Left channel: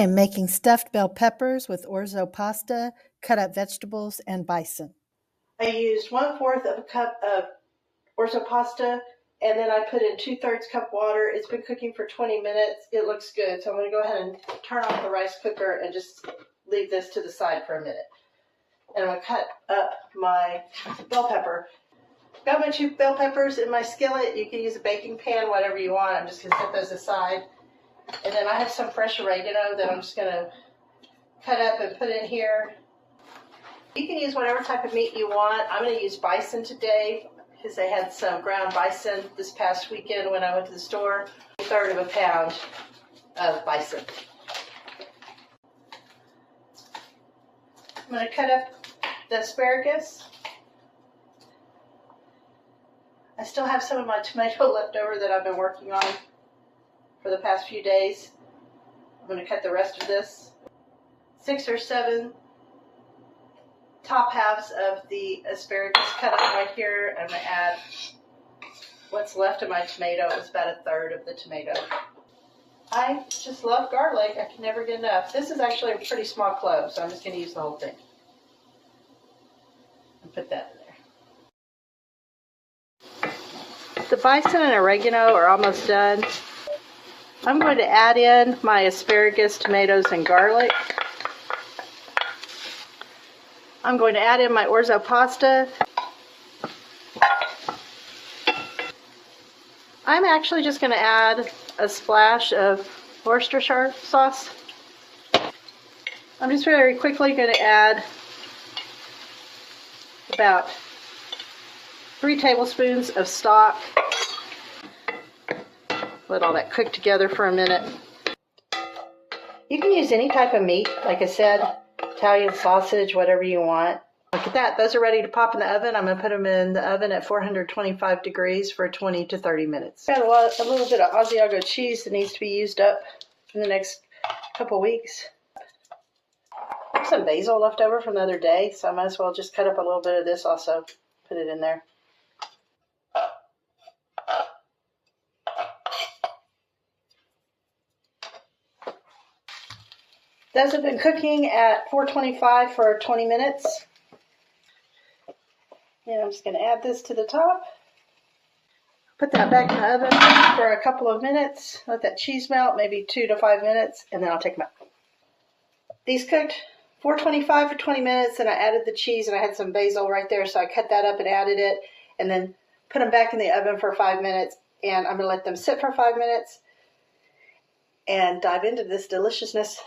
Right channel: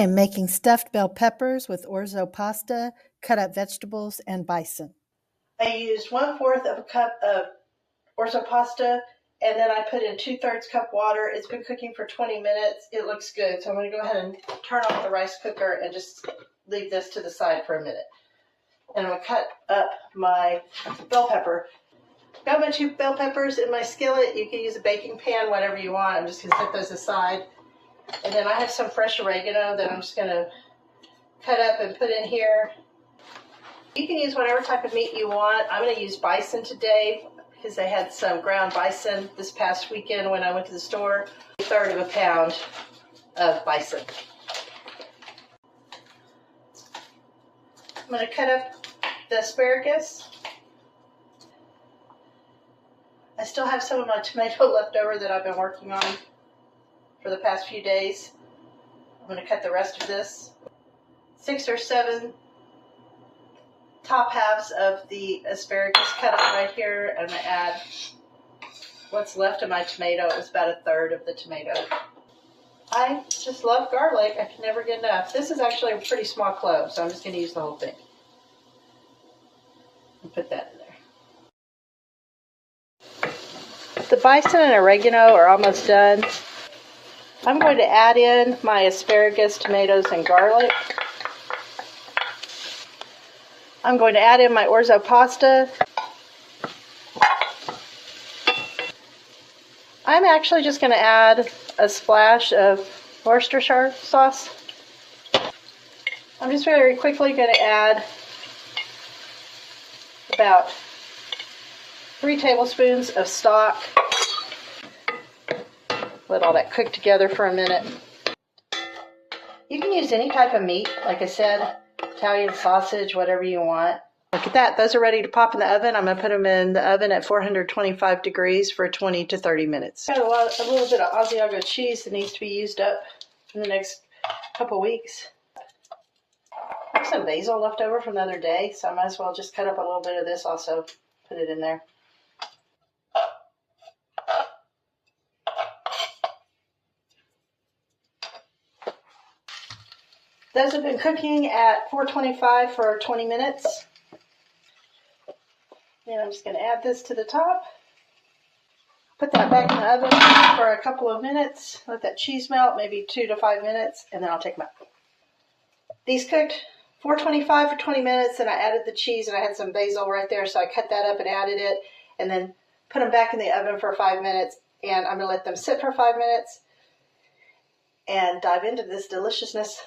I'm making stuffed bell peppers with orzo pasta, cut up vegetables, and bison. I used 1/4 of a cup of orzo pasta, and then I put in 2/3 cup water. It's been cooking for 20 minutes. It looks good, so I'm going to go ahead and turn off the rice cooker and just leave this to the side for a minute. And I'm going to cut up my bell pepper. Got my 2 bell peppers in my skillet. You can use a baking pan, whatever you want. I'm just going to set those aside. And then I have some fresh oregano that I'm just going to cut up and put in here. You can use whatever type of meat you want. I'm going to use bison today because they had some ground bison this past weekend when I went to the store. 1/3 of a pound of bison. I'm going to cut up the asparagus. I still have some of my tomato left over that I've been working on for the past few days. I'm going to cut the rest of this. 6 or 7 top halves of the asparagus cut up right here. And I'm going to add what's left of my tomato. It was about 1/3 of the tomato. I just love garlic. I can never get enough. This is actually a pretty small clove, so I'm just going to use the whole thing. And put that in there. The bison and oregano are almost done. I'm going to add in my asparagus, tomatoes, and garlic. I'm going to add in my orzo pasta. I'm actually just going to add a splash of Worcestershire sauce. I'm just very quickly going to add about 3 tablespoons of stock. Let all that cook together for a minute. You can use any type of meat, like I said, Italian sausage, whatever you want. Look at that, those are ready to pop in the oven. I'm going to put them in the oven at 425 degrees for 20 to 30 minutes. Got a little bit of Asiago cheese that needs to be used up in the next couple weeks. I have some basil left over from the other day, so I might as well just cut up a little bit of this also, put it in there. Those have been cooking at 425 for 20 minutes. And I'm just going to add this to the top. Put that back in the oven for a couple of minutes. Let that cheese melt, maybe 2 to 5 minutes, and then I'll take them out. These cooked 425 for 20 minutes, and I added the cheese, and I had some basil right there, so I cut that up and added it, and then put them back in the oven for 5 minutes, and I'm going to let them sit for 5 minutes and dive into this deliciousness.